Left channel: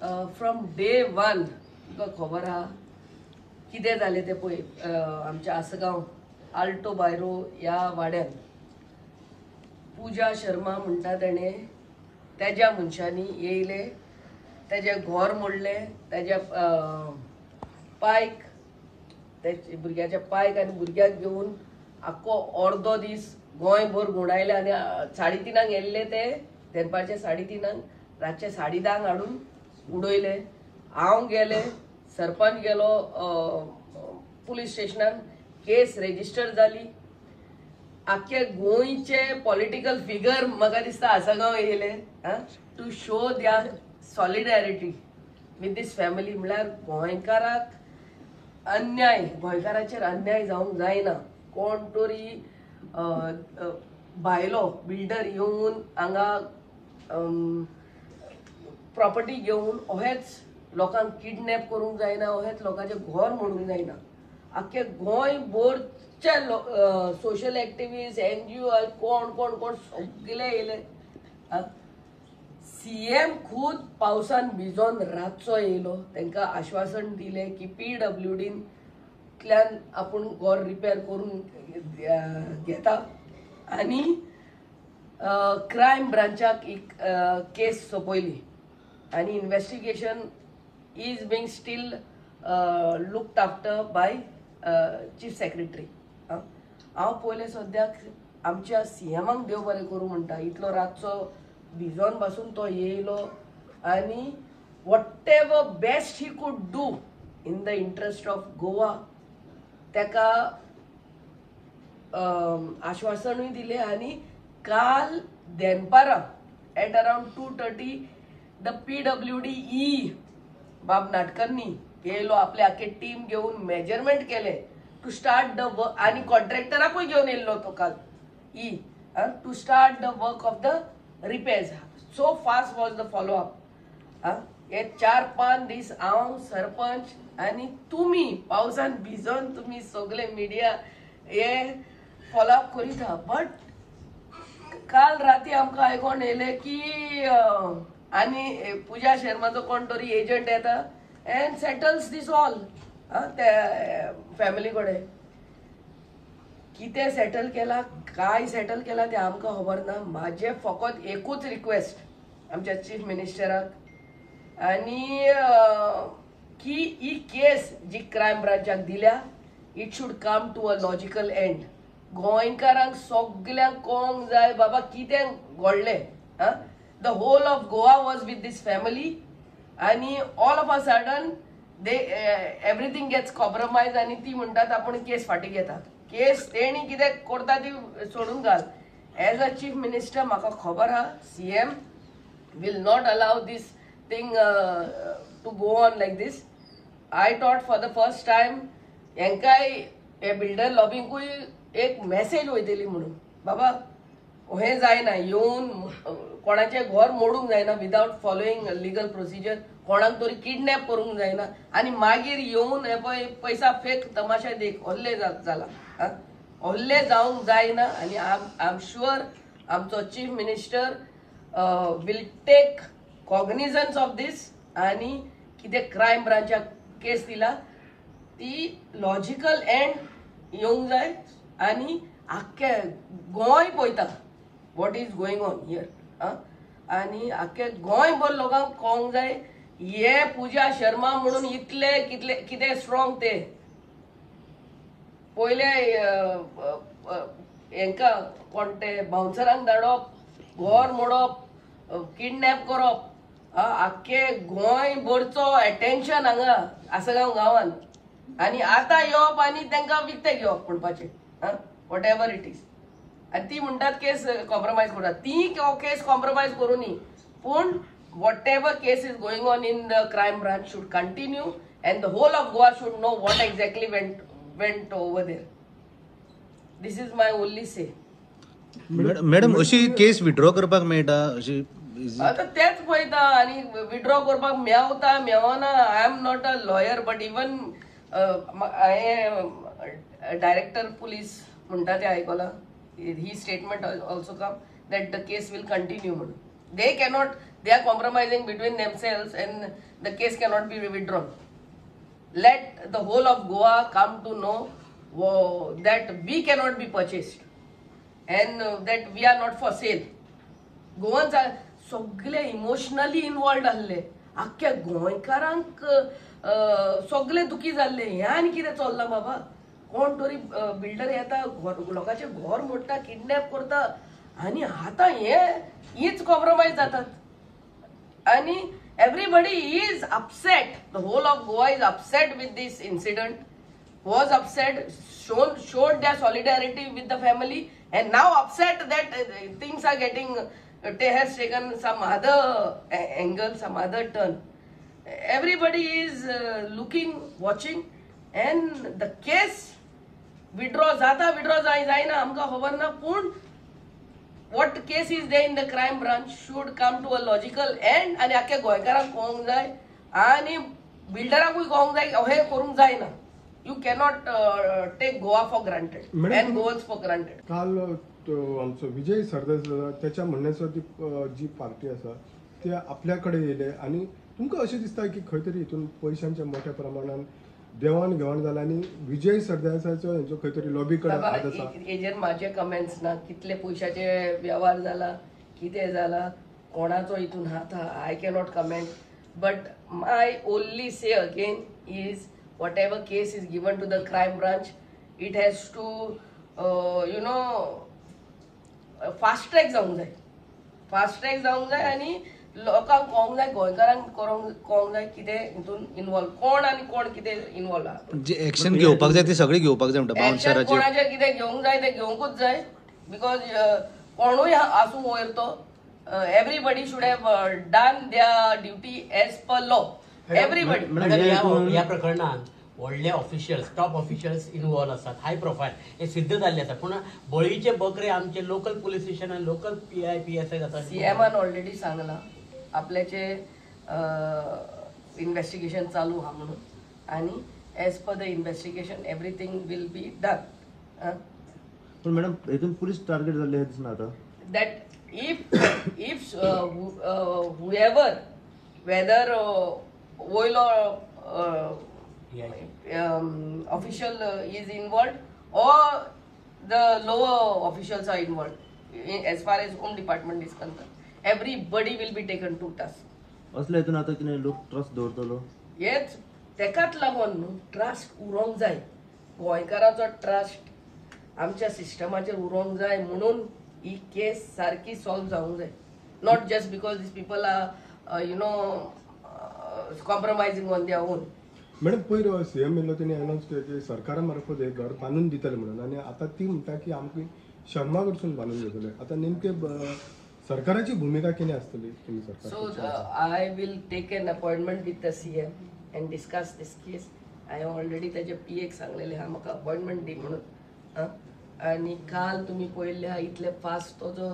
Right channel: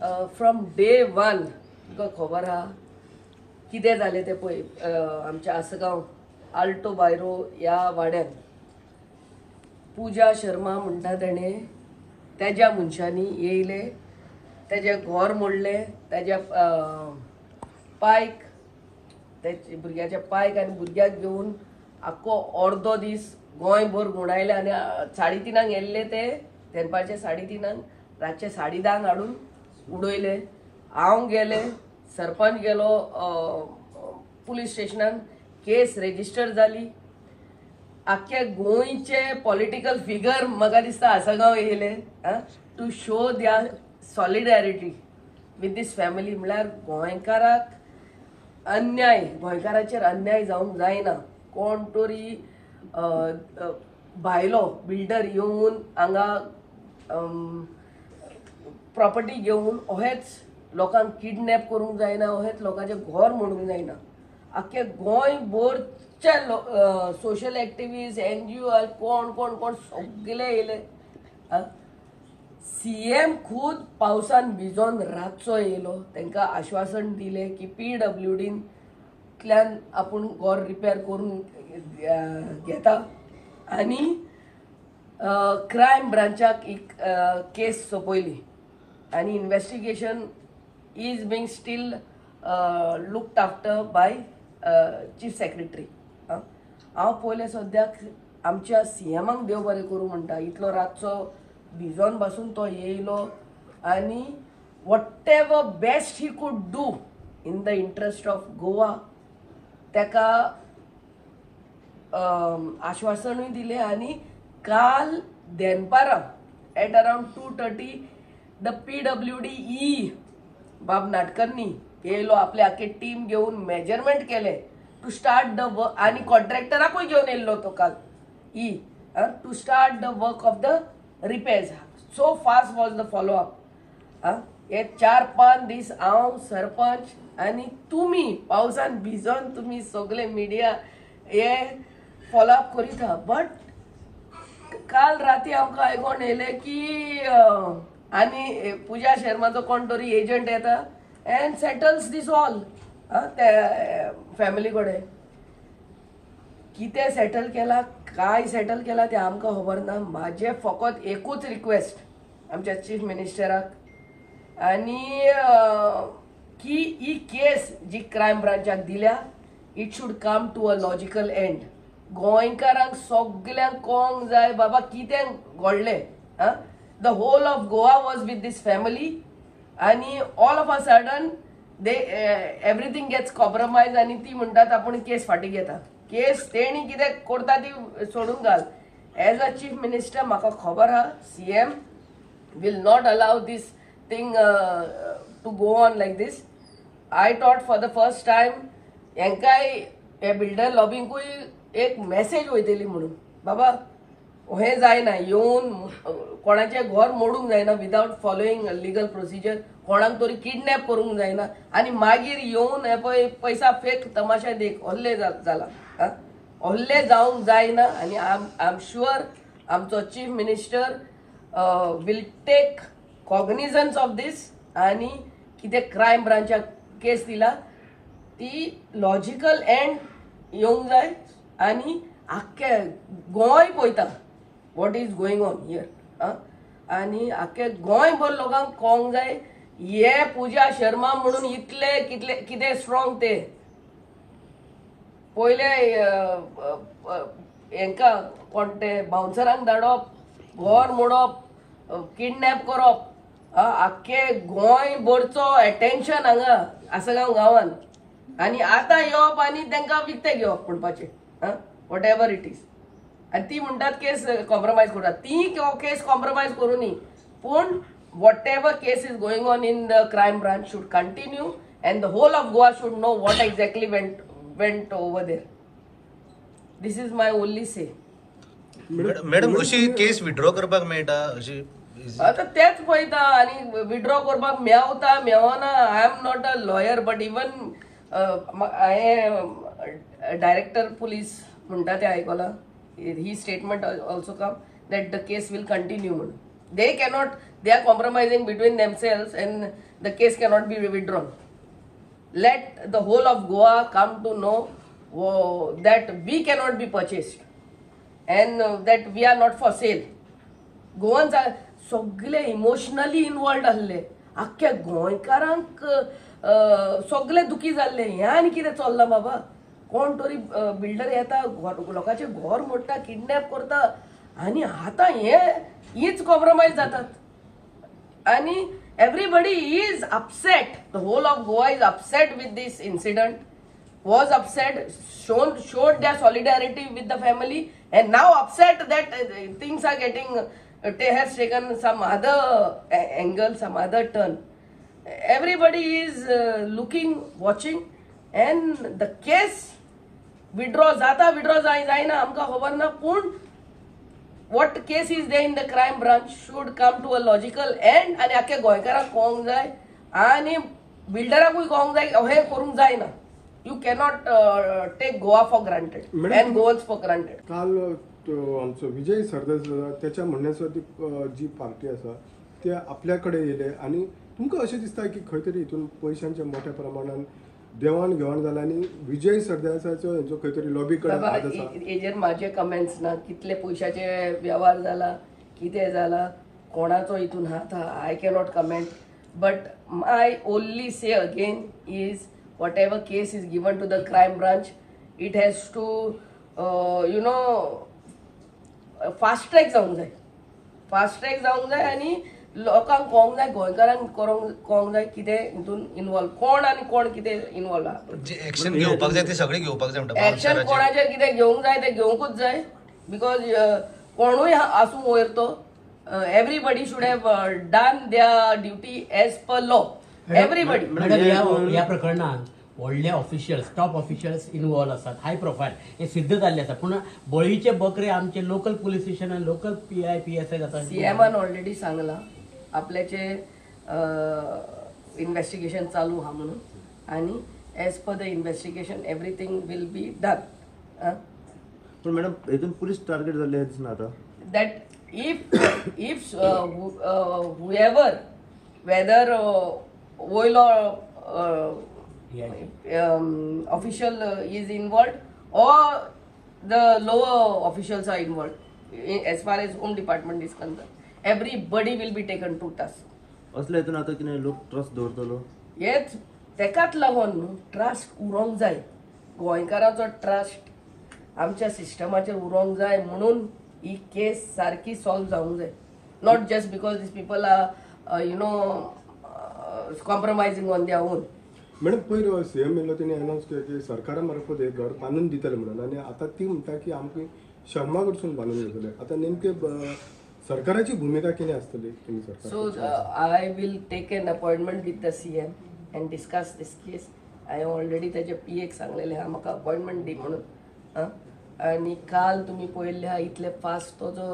From day one तुका खबर आहा कितें जालें तें पळय. आमच्या आसगांव आल्टो बायरो ह्या वाड्यात पूजा शर्मा म्हणटा तेणें तेज्या मनशांनी येयले, तेजें घर मोडलें, तेज्या पायक, तेच्या भुरग्याच्या पायक आनी भुरग्याक घेवन आख्खो अर्दो दीस गोंयभर घुंवडायले आनी 3:30 येल्ले ते दनपारचे 3:30 रातचे 10:30 हाडून उडयले. हांव गेले, सरपंच गेलो पुलीस स्टेशनान, केस रेजिस्टर जाली. आख्या गोंयचे पॉलिटिकल फिगर म्हाका दिसता आसगांव येयले to show their solidarity with these family. म्हळ्यार गोंयकाराक अन्याय, गोंयकाराचेर अन्याय जावंक जायना. कोण तरी भायलो बिल्डर येवन हांगा प्रॉपर्टी घेवन अहेच लोकांक किडनॅप करूंक जायना, अहेच लोकांचे घर मोडूंक जायना. आख्खे गोंयभरचे सोशल एक्टिविस्ट, NGO कोण कोण कोण सगळे येयले. CM खुद पावसान भिजोन रातचो येयलो. तांकां आश्वासन दिले की PWDंतल्यान आपूण घर रिपेर करून घेता आनी क्रायम ब्रांचाक एक केस सोपयली आनी investigation is being steel looked after by chief secretary. हांव पयले सद्याक आमच्या CMाक देव बरें करूं म्हणटा. इतलो रातचो भिजोन पासून तो येयलो आनी what ever best he could do in the interest of Goa तेका आश्वासनूय दिलें. आनी काल दनपारां एट अराउंड 2:30 द PWD बाब नाटकर्नी येयलो. आपले आख्खे टीम घेवन मेजरमेंट केले टू स्टार्ट द वर्क आनी कॉन्ट्रॅक्टराकूय घेवन येयलो तो काल to start the work of the repairs. So fast was the follow up. हे 4-5 दीस हांव सरपंच आनी तुमी पावसान भिजोन तुमी सगळे मिडिया हे फॉलो अप करीत आहा. बट काल राती आमकां आयकोन येयलें की आनी पूजा शर्माचो कोण तरी एजंट येता अँड सेटल्स दीस ऑल. ते फॅमिली कडेन कितें सेटल केला, काय सेटल केला ते आमकां खबर ना. म्हाजे फकत एकूच रिक्वेस्ट आमच्या चीफ मिनिस्टराक आनी की ही केस जी क्रायम ब्रांचाक दिल्या it should come to a logical end. गोंयकारांक सगळ्यांक कळोंक जाय बाबा कितें घडलें. The whole of Goa was with these family आनी all of a sudden they everything gets compromise आनी ती म्हणटात आपूण केस फाटी घेता. केस तेणी कितें करता ती सोडून घाल. एज अ चीफ मिनिस्टर म्हाका खबर आहा CM will not allow this thing to go on like this. I thought for the first time हेंकाय हे बिल्डर लॉबींकूय एक मेसेज वयतली म्हणून बाबा हे जायना, येवन कोणाचें घर मोडूंक जायना विदाउट फॉलोईंग लिगल प्रोसिजर, कोणाक तरी किडनॅप करूंक जायना आनी मागीर येवन हे पळय पैसा फेक तमाशा देख हल्ले जाला. हल्ले जावंक जायना आनी आय एम शुअर आमचो chief minister will take cognizance of these आनी कितें क्रायम ब्रांचाक केस दिला ती लॉजिकल एंड येवंक जाय आनी आख्खे गोंय पळयता what is going on here. आनी आख्खे गोंयभर लोकांक कळोंक जाय हे पूजा शर्मा म्हणून इतले कितले कितें स्ट्रॉंग ते. पयले हेंकां कोण ते बाउन्सरांक धाडप, घर मोडप, किडनॅप करप, आख्खे गोंयभरचो एटेन्शन हांगा आसगांव गांवांत. आनी आतां येवप आनी तांकां विकते घेवप म्हणपाचें वॉट एवर इट इज. आनी ती म्हणटात केस कॉम्प्रोमायज करतात. ती केस कॉम्प्रोमायज करूनी पूण whatever case is going on in the crime branch should continue and the whole of Goa should know what exactly went over there. This is my only say. Madam अशी case withdraw करपाक मेळटा अशी आता तेच पळयता आनी withdraw करपाक मेवता मेवना. I am not a lawyer but even हांवें डायरेक्टर पुलीस म्हणटा ते आयकलां ही statement also come that the case will continue म्हणून. they are compromising between themselves and the case cannot be withdrawn. Let the whole of Goa come to know that we cannot be purchased and that we are not for sale. Goans सगळे emotionally involved आसले, आख्ख्या गोंयकारांक सगळे दुखी जाल्ले. हें आनी कितें चल्लां बाबा? कोण तरी बिल्डर येता, लोकांचे घर मोडटा, किडनॅप करता आनी आतां हीच कॉम्प्रोमायज जातात. आनी everybody is upset. The whole of Goa is upset with this incident, was upset, showed their solidarity with the family, and now upset that things are getting, has taken some other angle, some other turn. Everybody is looking, watching, and the case withdraw जायना आमकां खबर ना. पूण what case is there in the crime branch should come to a logical end आणि आख्या गोंयकारांक कळोंक जाय आनी बिल्डरांकूय कळोंक जाय हे करूंक जायना. You cannot take Goa for granted and Goa's for granted. काल आमचो विजय सरदेसाय त्याच्या म्हणण्याचो ती जी पार्टी आसा ते आपल्याकडे येले आणि तुमकां अशें दिसता की खंय तरी हितून पयशांच्या मोठ्या प्रमाणात देवाण घेवाण जालें आनी विजय सरदेसायचो हेचो खंय तरी लॉबी बाबा हेजेर म्हाजे कमेंट्स ना. कितले पयशाचे व्यवहार जाला, कितें जाला, कोणाचो हितून हात आहा, I cannot comment. But my only say again is whatever case is given to the crime branch, it has to you know fast track जावंक जाय. फास्ट ट्रॅक जावंक जाय आनी लोकांक कळोंक जाय, गोंयकारांक कळोंक जाय कितें हितून इन्वॉल्व कोण आनी कोण कितें इन्वॉल्व आहा. जे एक्शन घेवपाक जाय ते सगळे घेवपाक जाय म्हणटा. एक्शन कोणाचेर कितें घेवंक जाय ते घेवंकूच जाय. बिकॉज कोणूय आसूं वयर तो, everybody should have done their duty as per law. Everybody. ह्या प्रकरणात व्हडले ऑफिशियल्स, टॉप ऑफिशियल्स इन्वॉल्व असतात, हाय प्रोफायल, हे सिद्ध जाल्ले आसा. पूण बळीचे बकरे आमचे local police station, local PI PSI जातात. सीएमान ऑलरेडी सांगला आपल्याचे इन्व्हेस्टिगेशन चालू आहा म्हणून आणि as per the investigation everything will be done. पण मॅडम हितून पुलीस टार्गेट जाल्ले दिसना आता. that if whoever, whether oil or official is involved or the lower officials are involved, as far as home department is concerned, everybody will be taken to task. असल्या हितून आता कितें लोक trust दवरतलो. हेच तेकाच लागून न्हू ट्रस्ट उरोंक जाय. गोंयकारांचो ट्रस्ट आमच्या सिस्टमाचेर उरोंक जाय म्हणून ही केस सारकी सॉल्व जावंक जाय. Not just because these people are you know compromising on their own. Madam पयलीं सीएम येयलो तेणी अनाउन्स केलें की सरकारा मार्फत एक घर बांदून दितले म्हणून आनी आतां ती म्हणटा की आमकां शर्मा कडसून बांदून दितले. आतां नेमके सरकाराची भूमिका कितें आसतली? So I will take an appointment with the CM and discuss this case. I already त्याचे PA सांगलेले हा म्हाका अपॉइंटमेंट दी म्हणून. आणि काल तुम्ही पळयल्ले इतले फास्ट तो जो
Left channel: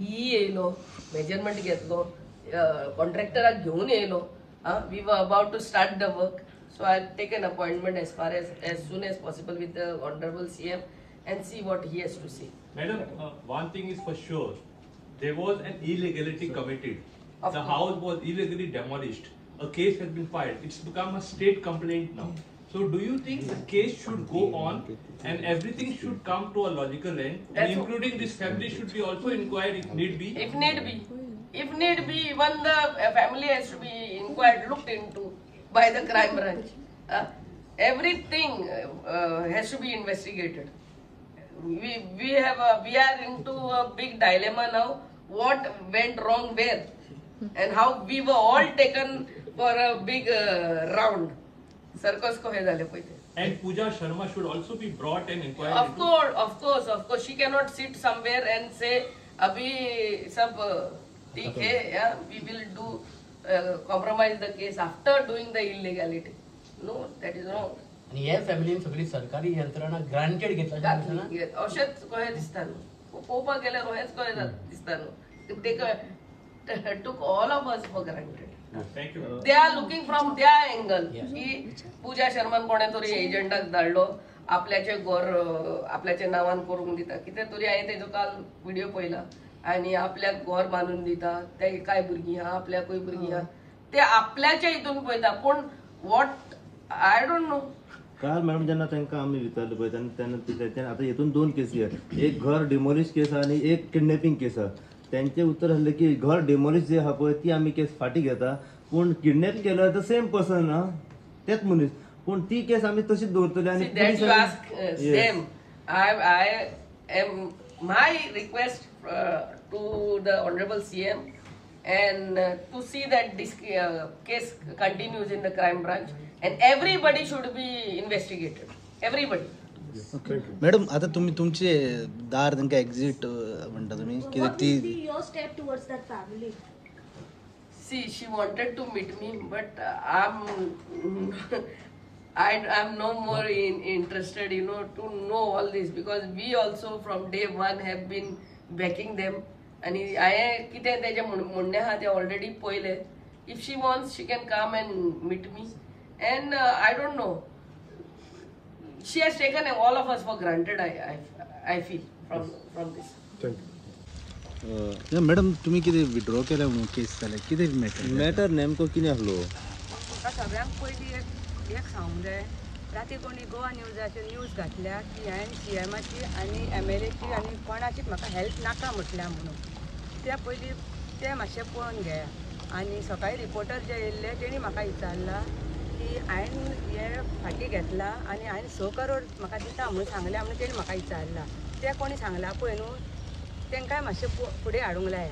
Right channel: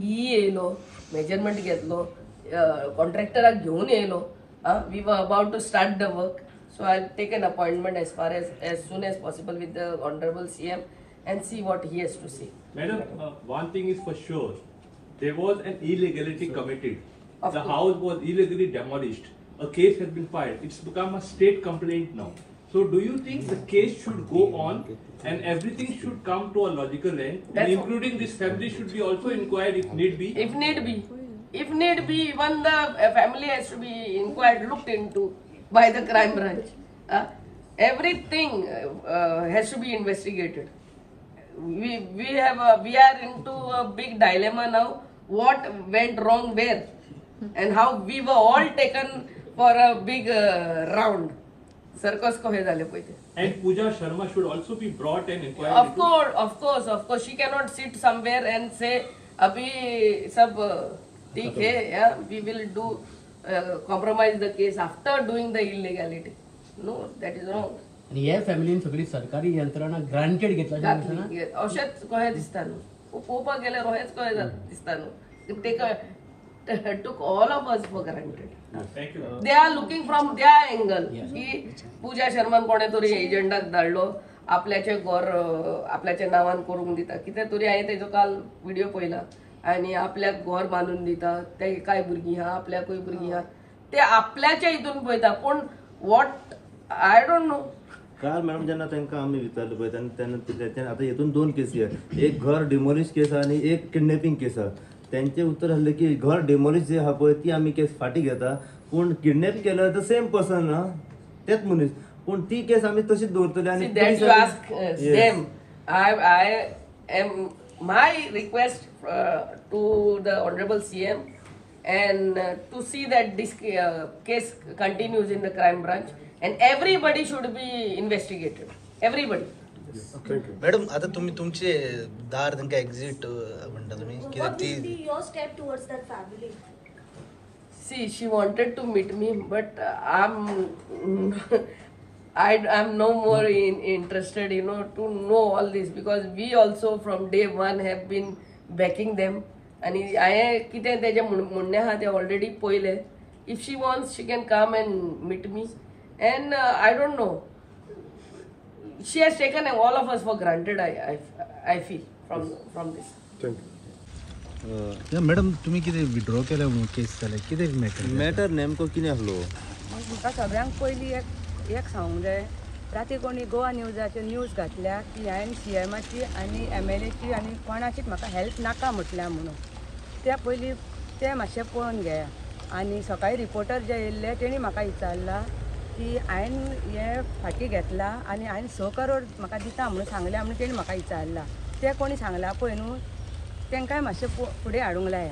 येयलो, मेजरमेंट घेतलो, कॉन्ट्रॅक्टराक घेवन येयलो. We were about to start the work. So I'll take an appointment as soon as possible with the Honorable CM and see what he has to say. Madam, one thing is for sure, there was an illegality committed. Of The course. house was illegally demolished. A case has been filed. It's become a state complaint now. So do you think the case should go on and everything should come to a logical end, and including this family should be also inquired if need be? If need be, even the family has to be inquired, looked into by the crime branch. Everything has to be investigated. We are into a big dilemma now. What went wrong where, and how we were all taken for a big round. Circus ko he zale payte. And Pooja Sharma should also be brought and inquired. Of course. She cannot sit somewhere and say, "Abhi sab theek hai, yeah, we will do compromise the case after doing the illegality." No, that is wrong. आणि ह्या फॅमिलीन सगळी सरकारी यंत्रणा granted घेतल्या. अशेंच कशें दिसता न्हू. पळोवपाक गेल्यार अशेंच कशें दिसता न्हू. They took all of us for granted. Thank you. They are looking from their angle. की पूजा शर्मान कोणे तरी एजंटाक धाडलो, आपल्याचे घर आपल्याच्या नावान करूंक दिता. कितें तरी हांवें तेजो काल व्हिडिओ पळयला आणि आपल्याक घर बांधून दिता ते काय भुरगीं आहा आपल्याकूय भुरगीं आहा ते आपल्याच्या हितून पळयता पूण वॉट आय डोंट नो. काल मॅडम जेन्ना तांकां आमी विचारलें पळय तेन्ना आतां हितून 2 केसी आहेत, एक घर डिमोलिश केस आहा आणि एक किडनॅपिंग केस आहा. त्यांचे उत्तर आसलें की घर डिमोलिश जे आहा पळय ती आमी केस फाटी घेता, पूण किडनॅप केलो तर सेम पर्सन ना तेच मनीस, पूण ती केस आमी तशीच दवरतले. See, आणि that you ask them. I am my request to the Honorable CM and to see that this case continues in the crime branch and everybody should be investigated. Everybody. Madam आता तुम्ही तुमचे दार तांकां exit म्हणटा तुम्ही कित्याक What will be ती your step towards that family? See, she wanted to meet me, but I'm no more interested, to know all this because we also from day one have been backing them. आणि हांवें कितें तेजें म्हणणें आहा तें already पयलें. If she wants she can come and meet me and I don't know. She has taken all of us for granted. I feel from this. Madam तुम्ही कितें विड्रॉ केल्या म्हणून केस जाल्या कितें मॅटर नेमको कितें आसलो? म्हाका सगळ्यांक पयलीं एक सांगूंक जाय. राती कोणी गोवा न्यूजाचेर न्यूज घातल्या की हांवें CMची आनी MLAची आनी कोणाचीच म्हाका हेल्प नाका म्हटल्या म्हणून. त्या पयलीं तें मातशें पळोवन घेया. आनी सकाळीं रिपोर्टर जे येयल्ले तेणी म्हाका विचारला की हांवें हें फाटी घेतला आनी हांवें 6 करोड म्हाका दिता म्हणून सांगल्या म्हणून तेणी म्हाका विचारला. तें कोणी सांगला पळय न्हू तेंकांय मातशें फुडें हाडूंक जाय.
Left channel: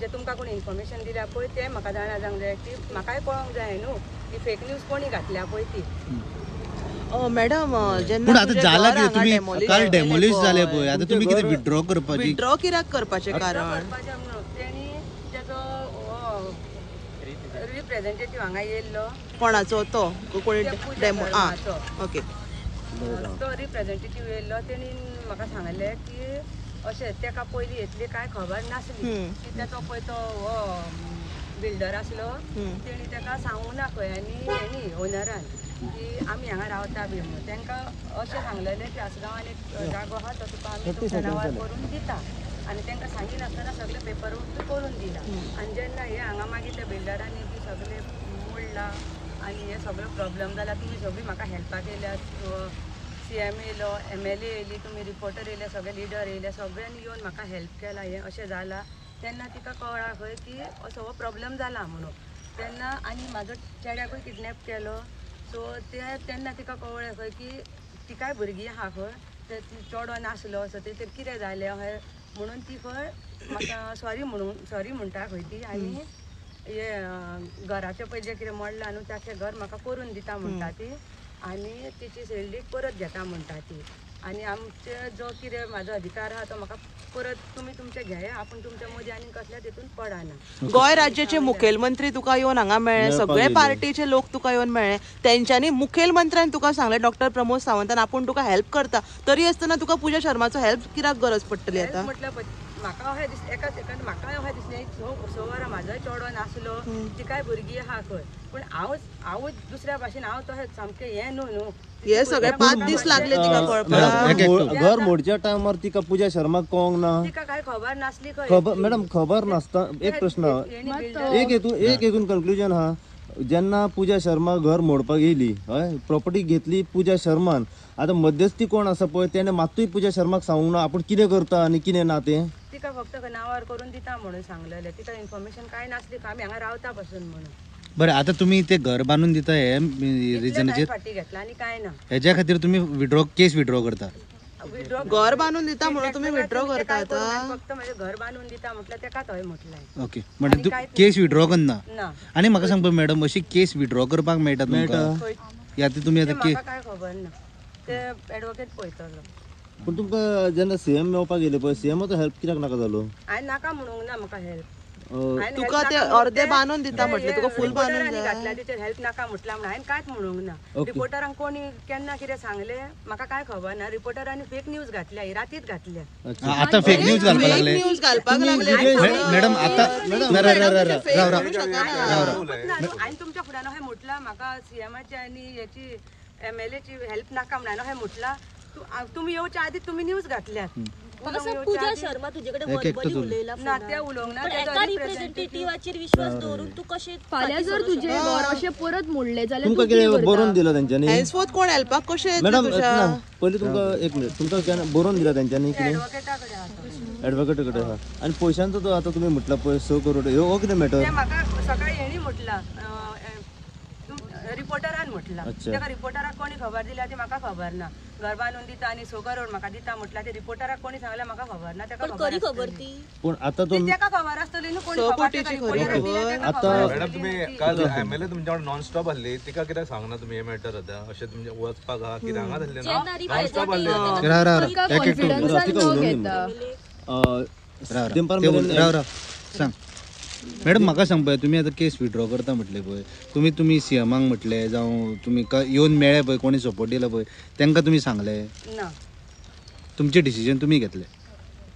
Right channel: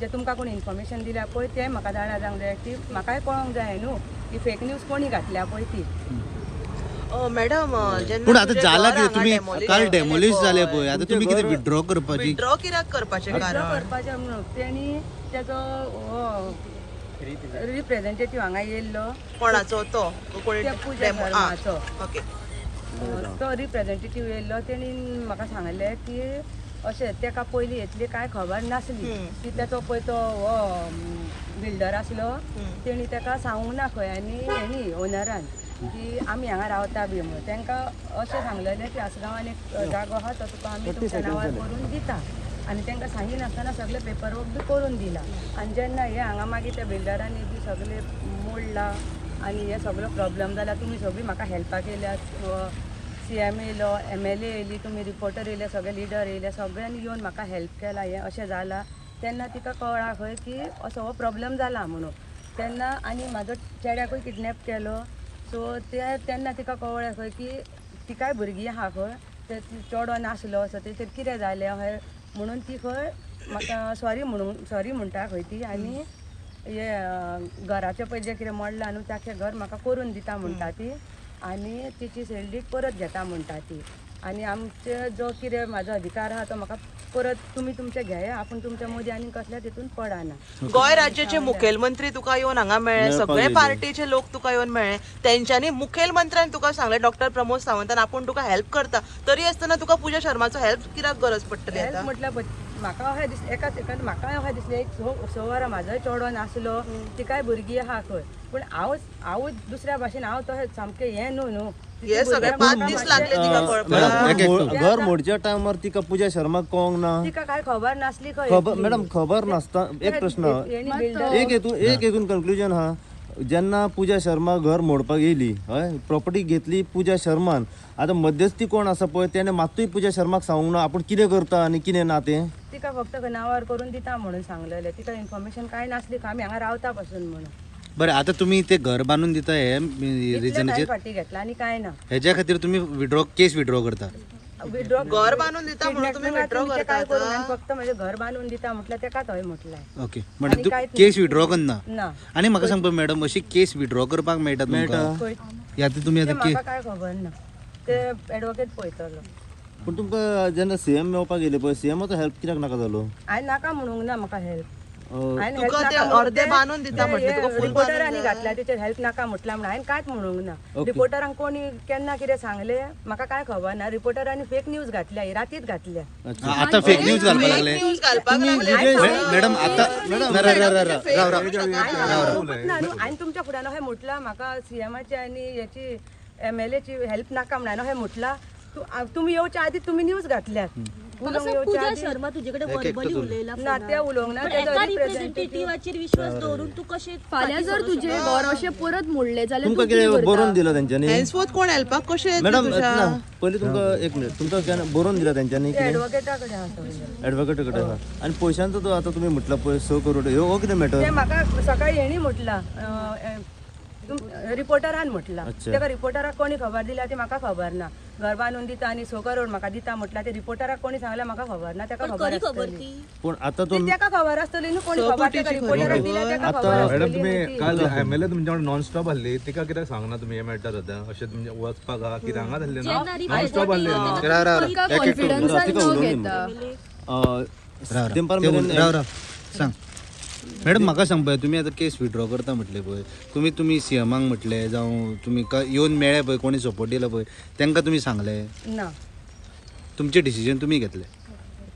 जे तुमकां कोणी इन्फॉर्मेशन दिल्या पळय तें म्हाका जाणा जावंक जाय की म्हाकाय कळोंक जाय न्हू की फेक न्यूज कोणी घातल्या पळय ती. मॅडम पूण आतां जाला कितें तुम्ही काल डेमोलिश जाले पळय आतां तुम्ही कितें विड्रॉ करपाची विड्रॉ कित्याक करपाचें विड्रॉ कारण करपाचें म्हणून तेणी तेजो रिप्रेझेंटेटीव हांगा येयल्लो कोणाचो तो कोणी त्या पुजा धर्माचो ओके तो रिप्रेझेंटेटीव येयल्लो तेणी म्हाका सांगलें की अशें तेका पयलीं इतली कांय खबर नासली की तेचो पळय तो बिल्डर आसलो तेणी तेका सांगूंक ना खंय आनी हेणी ओनरान की आमी हांगा रावता बी म्हणून. तांकां अशें सांगलेलें की आसगांवान एक जागो आहा तो तुका आमी तुमच्या नांवार करून दिता आनी तांकां सांगिनासतना सगळे पेपर वर्क बी करून दिला. आनी जेन्ना हे हांगा मागीर त्या बिल्डरांनी बी सगळे मोडला आनी हे सगळो प्रॉब्लेम जाला तुमी सगळीं म्हाका हेल्पाक येयल्यात. CM येयलो MLA येयली तुमी रिपोर्टर येयले सगळे लिडर येयले सगळ्यांनी येवन म्हाका हेल्प केला. हें अशें जाला तेन्ना तिका कळ्ळा खंय की असो हो प्रॉब्लेम जाला म्हणून. तेन्ना आनी म्हाजो चेड्याकूय किडनॅप केलो सो तेन्ना तिका कळ्ळें खंय की तिकाय भुरगीं आहा खंय ते चेडो नासलो सो तेचेर कितें जालें अशें म्हणून ती खंय म्हाका सॉरी म्हणटा खंय ती आनी हे घराचें पळय जें कितें मोडलां न्हू ताचें घर म्हाका करून दिता म्हणटा ती आनी तिची सॅलरी परत घेता म्हणटा ती. आनी आमचे जो कितें म्हाजो अधिकार आहा तो म्हाका परत तुमी तुमचे घेया आपूण तुमच्या मदीं आनी कसल्या तितून पडाना. गोंय राज्याचे मुखेलमंत्री तुका येवन हांगा मेळ्ळे सगळे पार्टीचे लोक तुका येवन मेळ्ळे तेंच्यांनी मुखेलमंत्र्यान तुका सांगलें डॉक्टर प्रमोद सावंतान आपूण तुका हेल्प करता तरी आसतना तुका पूजा शर्माचो हेल्प कित्याक गरज पडटली हेल्प म्हटल्यार म्हाका अशें दिसलें एकाच म्हाका अशें दिसलें एक 6 वरां म्हाजोय चेडो नासलो तिकाय भुरगीं आहा खंय पूण हांव दुसऱ्या भाशेन हांव तशें सामकें हें न्हू हे सगळे 5 दीस लागले तिका कळपाक. घर मोडच्या टायमार तिका पूजा शर्माक कळोंक ना तिका काय खबर नासली खबर मॅडम खबर नासता. एक प्रश्न एक हेतून कन्क्लुजन हा जेन्ना पूजा शर्मा घर मोडपाक येयली हय प्रॉपर्टी घेतली पूजा शर्मान आता मध्यस्थी कोण आसा पळय तेणे मात्तूय पूजा शर्माक सांगूंक ना आपूण कितें करता आनी कितें ना तें. तिका फक्त नांवार करून दिता म्हणून सांगलेलें तिका इन्फॉर्मेशन काय नासली आमी हांगा रावता पासून म्हणून. बरें आता तुम्ही ते घर बांधून दिता हे रिजनाचेर फाटी घेतला आनी काय ना हेच्या खातीर तुम्ही केस विड्रॉ करता. विड्रॉ घर बांधून दिता म्हणून तुम्ही ते काय करूंक ना फक्त म्हणजे घर बांधून दिता म्हटल्यार तेका थंय म्हटलें. ओके म्हणजे तू केस विड्रॉ करना ना आनी म्हाका सांग पळय मॅडम अशी केस विड्रॉ करपाक मेळटा तुमकां यात तुम्ही ते आता म्हाका काय खबर ना ते एडवोकेट पळयतलो. पूण तुमकां जेन्ना CM मेळपाक येयले पळय CMचो हेल्प कित्याक नाका जालो? हांवें नाका म्हणूंक ना म्हाका हेल्प तुका ते अर्दे बांदून दिता रिपोर्टरांनी घातल्या तेचेर हेल्प नाका म्हटल्यार म्हणून हांवें कांयच म्हणूंक ना. रिपोर्टरांक कोणी केन्ना कितें सांगलें म्हाका काय खबर ना. रिपोर्टरांनी फेक न्यूज घातल्या ही रातीच घातल्या. आता फेक न्यूज घालपाक लागले मॅडम आता हांवें तुमच्या फुड्यान अशें म्हटलां म्हाका CMची आनी हेची MLAची हेल्प नाका म्हणून अशें म्हटलां तुमी येवच्या आदी तुमी न्यूज घातल्यात उलोवंक येवच्या आदी शर्मा तुजे कडेन एक एकटो वर्बली उलय. उलयला ना ते उलोवंक ना तेजो रिप्रेझेंटेटिव्ह रिप्रेझेंटेटिव्हाचेर विश्वास दवरून तू कशें फाल्यां जर तुझे घर अशें परत मोडले जाल्यार तुमकां कितें बरोवन दिलं त्यांच्यानी हेन्सफोर्थ कोण हेल्पाक कशें मॅडम ना पयलीं तुमकां एक मिनिट तुमकां बरोवन दिला त्यांच्यानी एडवोकेटा कडेन आसा ऍडव्होकेट कडेन आणि पैशांचो तो आता तुम्ही म्हटलं पळय 100 करोड हो कितें ते मॅटर म्हाका सकाळी हेणी म्हटला रिपोर्टरान म्हटला तेका रिपोर्टराक कोणी खबर दिल्या ती म्हाका खबर ना घर बांदून दिता आणि 100 करोड म्हाका दिता म्हटला ते रिपोर्टराक कोणी सांगल्यार म्हाका खबर ना तेका खबर आसतली पण आता ती तेका खबर आसतली न्हू कोणी खबर तेका रिपोर्टराक दिल्या तेका खबर आसतली काल एमएलए तुमच्याकडे नॉन स्टॉप आसली तिका कितें सांगना तुमी हे मेळटा सद्या अशें तुमचे वचपाक आहा कितें हांगा जाल्लें ना नॉन स्टॉप आसले न्ही राव एक एकटो राव सांग मॅडम म्हाका सांग पळय तुमी आतां केस विड्रॉ करता म्हटले पळय तुमी सीएमाक म्हटले जावं तुमी येवन मेळ्ळे पळय कोणी सपोर्ट दिला पळय तांकां तुमी सांगले ना तुमचे डिसिजन तुमी घेतले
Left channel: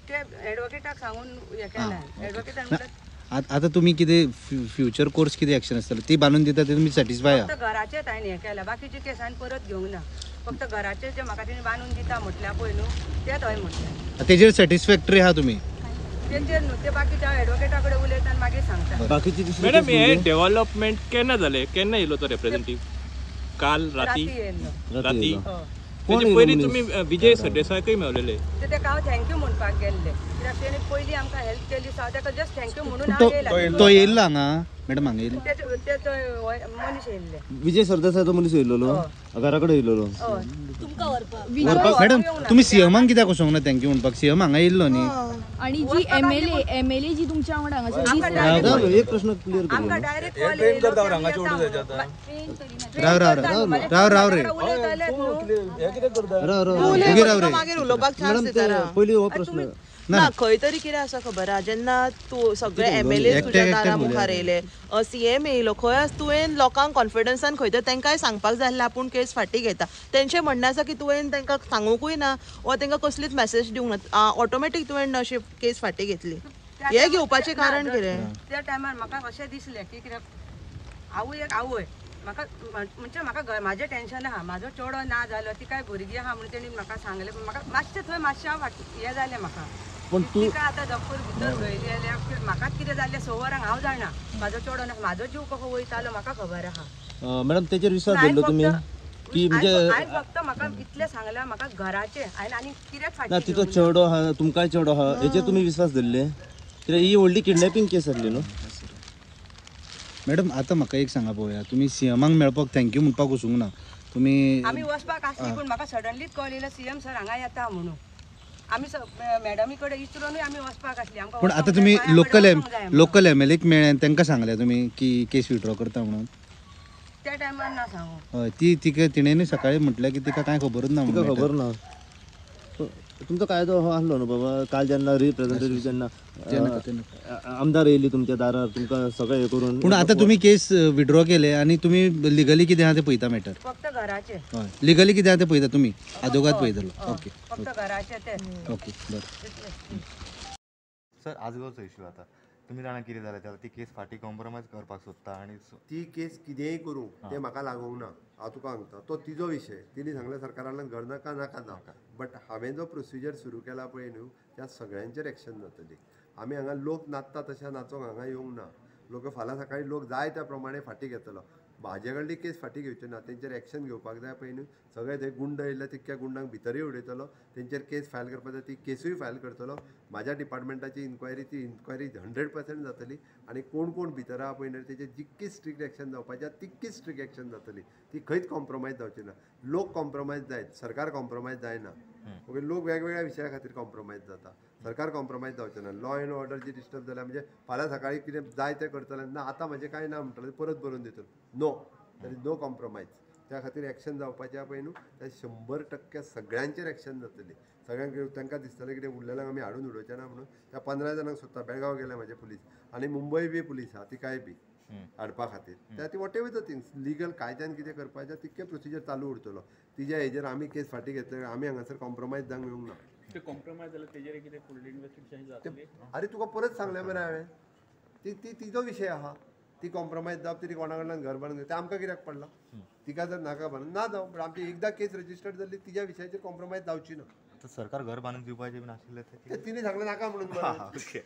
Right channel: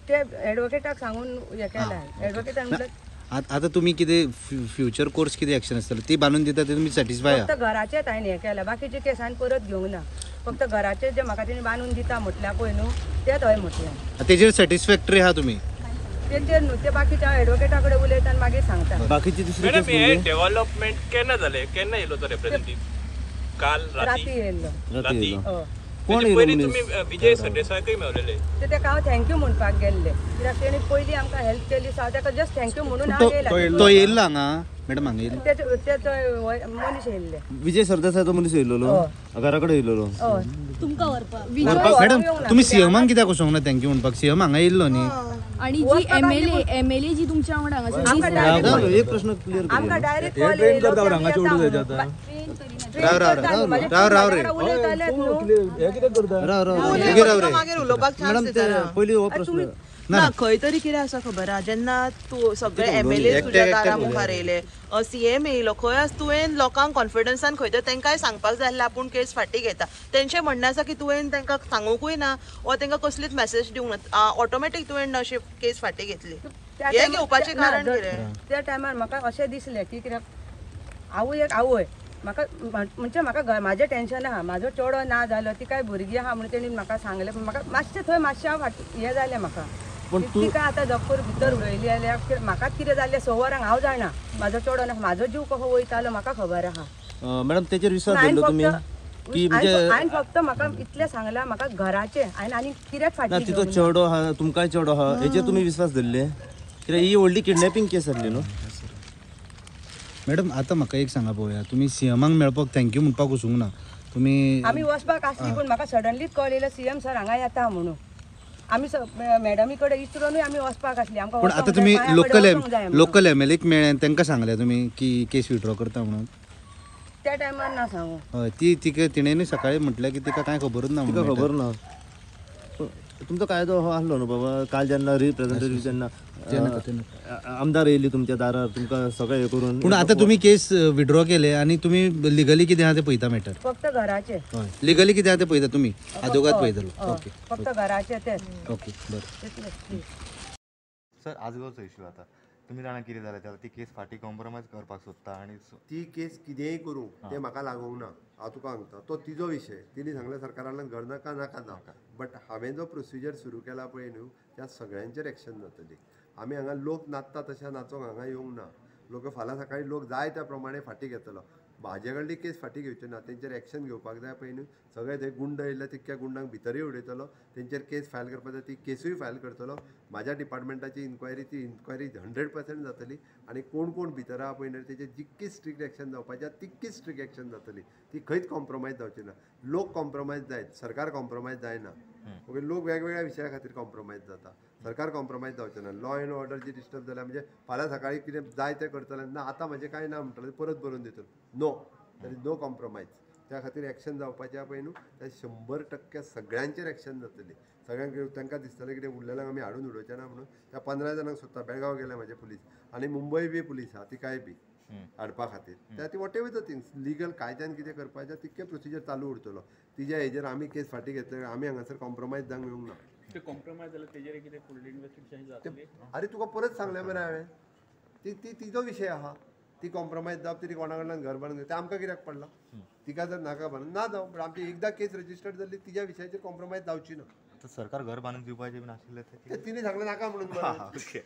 ते एडवोकेटाक सांगून हे केलें एडवोकेटान म्हटलं आता तुम्ही कितें फ्युचर कोर्स कितें एक्शन आसतलें ती बांदून दिता ते तुमी सॅटिस्फाय आहा फक्त घराचेच हांवें हें केलां बाकीचे केस हांवें परत घेवंक ना फक्त घराचे जे म्हाका तेणी बांदून दिता म्हटल्या पळय न्हू तेच हय म्हटलें तेजेर सॅटिस्फॅक्टरी आहा तुमी तेचेर न्हू ते बाकीचे हांव एडवोकेटा कडेन उलयता आनी मागीर सांगता बाकीची मॅडम हे डेव्हलपमेंट केन्ना जालें केन्ना येयलो तो रिप्रेझेंटेटिव्ह काल राती येयल्लो राती हय तेजे पयलीं तुमी विजय सरदेसायकय मेळलेले ते तेका हांव थँक्यू म्हणपाक गेल्ले कित्याक तेणी पयलीं आमकां हेल्प केली सो हांव तेका जस्ट थँक्यू म्हणून हांव येयला तो येयल्लो हांगा मॅडम हांगा येयल्लो ते मनीस येयल्ले विजय सरदेसाय मनीस येयलो घरा कडेन येयलो हय तुमकां व्हरपाक मॅडम तुम्ही सीएमाक कित्याक वचोंक ना थँक्यू म्हणपाक सीएम हांगा येयल्लो न्ही आणि वचपाक आसली पूण एमएलए जी तुमच्या वांगडा हांगासर आमकां डायरेक्ट एक प्रश्न क्लियर आमकां डायरेक्ट कॉल येयलो की आमी येता म्हणून उलयतालेच न्हू तुगे राव रे मॅडम पयलीं हो प्रश्न ना खंय तरी कितें आसा खबर आहा जेन्ना तूं सगळे एमएलए तुज्या दारा मुखार येयले सीएम येयलो खंय आसा तुवें लोकांक कॉन्फिडन्सान खंय तर तांकांय सांगपाक जाय आसलें आपूण केस फाटी घेता तेंचें म्हणणें आसा की तुवें तांकां सांगूंकूय ना वा तांकां कसलीच मेसेज दिवंक ना ऑटोमॅटीक तुवें अशी केस फाटी घेतली हे घेवपाचें कारण कितें त्या टायमार म्हाका अशें दिसलें की कित्याक आवय म्हाका म्हणजे म्हाका म्हाजें टेन्शन आहा म्हाजो चेडो ना जालो ती काय भुरगीं आहा म्हणून तेणी म्हाका सांगलें पूण म्हाका मातशें थंय मातशें हें जालें म्हाका तिका आतां जगपूर भितर उडयली जाल्यार म्हाकाच कितें जाल्लें 6 वरांक हांव जाणा म्हाजो चेडो ना म्हाजो जीव कसो वयतालो म्हाका खबर आहा मॅडम तेजेर विश्वास हांवें फक्त म्हाका इतलें सांगलां म्हाका घराचें हांवें आनी कित्याक फाटी तिचो चेडो आहा तुमकांय चेडो आहा हेचेर तुमी विश्वास धरले कित्याक ही व्हडली किडनॅपिंग केस आसली न्हू मॅडम आता म्हाका एक सांगा पळोवया तुमी सीएमाक मेळपाक थँक्यू म्हणपाक वचूंक ना तुमी आमी वचपाक आसली पूण म्हाका सडनलीच कॉल येयलो सीएम सर हांगा येता म्हणून आमी मॅडमी कडेन इस्त्रोनूय आमी वचपाक आसली आमकां पण आता तुम्ही लोकल एमएलएक मेळ्ळे तांकां सांगले तुमी की केस विड्रॉ करता म्हणून त्या टायमार ना सांगू हय ती तिणेंनी सकाळी म्हटलें की तिका कांय खबरूच ना म्हणून खबर ना तुमचो कायदो हो आसलो न्हू बाबा काल जेन्ना रिप्रेझेंटेटिव्ह जेन्ना आमदार येयली तुमच्या दारार तुमकां सगळें हे करून पूण आता तुमी केस विड्रॉ केले आनी तुमी लिगली कितें आहा तें पळयता मॅटर फक्त घराचे हय लिगली कितें आहा तें पळयता तुमी आजोगाद पळयतलो ओके फक्त घराचे तेच ओके बरें सर आजगांवचो इश्यू आता तुम्ही जाणा कितें जालें जाल्यार ती केस फाटी कॉम्प्रोमायज करपाक सोदता आनी ती केस कितेंय करूं तें म्हाका लागूंक ना हांव तुका सांगता तो तिजो विशय तिणी सांगलें सरकारान घर नाका नाका बट हांवें जो प्रोसिजर सुरू केला पळय न्हू त्या सगळ्यांचेर एक्शन जातली आमी हांगा लोक नाचता तशें नाचोंक हांगा येवंक ना लोक फाल्यां सकाळी लोक जाय त्या प्रमाणे फाटी घेतलो म्हाजे कडली केस फाटी घेवची ना तेंचेर एक्शन घेवपाक जाय पळय न्हू सगळे थंय गुंड येयले तितक्या गुंडांक भितरूय उडयतलो तेंचेर केस फायल करपाक जाय ती केसूय फायल करतलो म्हाज्या डिपार्टमेंटाची इन्क्वायरी ती इन्क्वायरी 100% जातली आनी कोण कोण भितर आहा पळय न्हू तेचेर जितकी स्ट्रिक्ट एक्शन जावपाची तितकी स्ट्रिक्ट एक्शन जातली ती खंयच कॉम्प्रोमायज जावची ना लोक कॉम्प्रोमायज जायत सरकार कॉम्प्रोमायज जायना ओके लोक वेगवेगळ्या विशया खातीर कॉम्प्रोमायज जाता सरकार कॉम्प्रोमायज जावचें ना लॉ एंड ऑर्डर जी डिस्टर्ब जाल्या म्हणजे फाल्यां सकाळी कितें जाय तें करतलें ना आतां म्हजें कांय ना म्हणटलें परत बरोवन दितलो no there is no compromise त्या खातीर एक्शन जावपाचें पळय न्हू तें 100% सगळ्यांचेर एक्शन जातली सगळ्यांक तांकां दिसतलें कितें उरलेल्यांक आमी हाडून उडोवचें ना म्हणून त्या 15 जाणांक सोदता बेळगांव गेले म्हाजे पुलीस आनी मुंबय बी पुलीस आहा तिकाय बी हाडपा खातीर त्या ती what ever the things legal कायद्यान कितें करपाचें तितकें प्रोसिजर चालू उरतलो तिच्या हेजेर आमी केस फाटी घेतले आमी हांगासर कॉम्प्रोमायज जावंक येवंक ना कॉम्प्रोमायज जाल्यार तेजेर कितें फुडली इन्व्हेस्टिगेशन जातली अरे तुका परत सांगलें मरे हांवें ती तिजो विशय आहा ती कॉम्प्रोमायज जावप तरी कोणा कडल्यान घर बांदून तें आमकां कित्याक पडलां तिका जर नाका बांदून ना जावं पण आमची एकदां केस रजिस्टर्ड जाल्ली तिच्या विशयाचेर कॉम्प्रोमायज जावची ना तर सरकार घर बांधून दिवपाचे बीन आशिल्ले ते तिने सांगलं नाका म्हणून ओके